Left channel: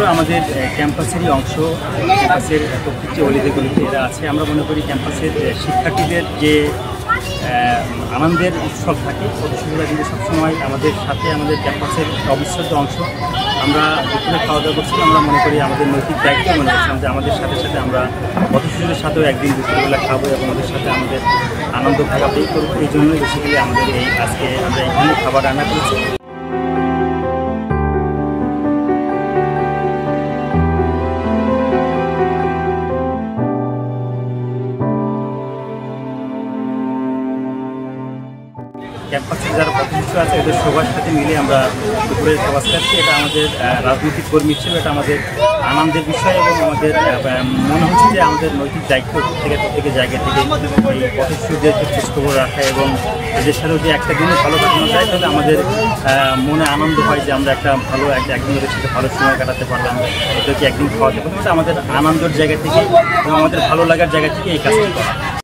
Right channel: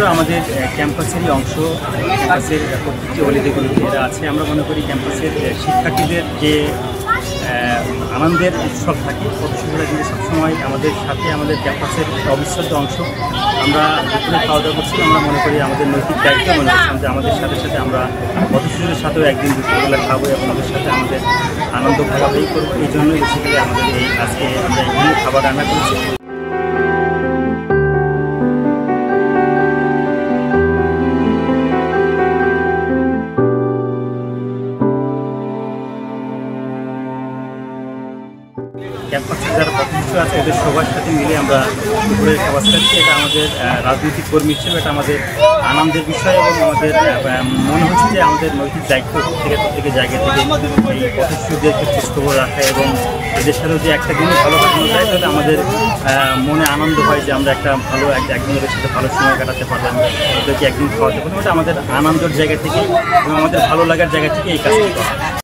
হলো আমাদের ক্যাম্পাসেরই অংশ। ক্যাম্পাসের প্রত্যেকটি অলিতে এরা আছে। আমরা মনে করি ক্যাম্পাসের শিক্ষার্থীদের যে আনন্দের উৎসব থাকে, পথশিশুরা কিন্তু সবসময় আমাদের সাথে, আমাদের ক্যাম্পাসের অবিচ্ছেদ্য অংশ। আমরা দুপুরে খাওয়া দাওয়া করছিলাম, আমরা মনে করি আমাদের নৈতিক দায়িত্ব মনে করছিলাম যে আমাদের সাথে সাথে আমরা পথশিশুদের সাথেও একদিন দুপুরবেলা খাবো এবং ওদের সাথে আমাদের আনন্দ ভাগাভাগি করবো। এই জন্যই বেসিক্যালি আমাদের আজকে আমরা এখানে খাবার রান্না করেছি। ক্যাম্পাসের যারা পথশিশু আছে এদের সবার সাথে মিলে আমরা দুপুরের খাবার খাচ্ছি। এটা আমাদের রাজনৈতিক কর্মী হিসেবে এটা আমাদের আনন্দের বিষয় এবং আমাদের মনে হচ্ছে যে আমাদের নৈতিক দায়িত্ব প্রত্যেকের জায়গা থেকে এই পথশিশুদেরকে খোঁজখবর রাখা এবং এদের সাথেও যে একটা দিনও ভালো কাটানো যায়, তাহলে আমাদের মনে আনন্দ হয় যে আমরা একটা ভালো একদিন ওদের সাথে ভালো সময় কাটাতে পারলাম, ওদেরকে একদিন খাওয়াতে পারলাম। এটা আমাদের আনন্দের জায়গা থেকে এবং আমাদের ভালো লাগার জায়গা থেকে এই কাজটি করা।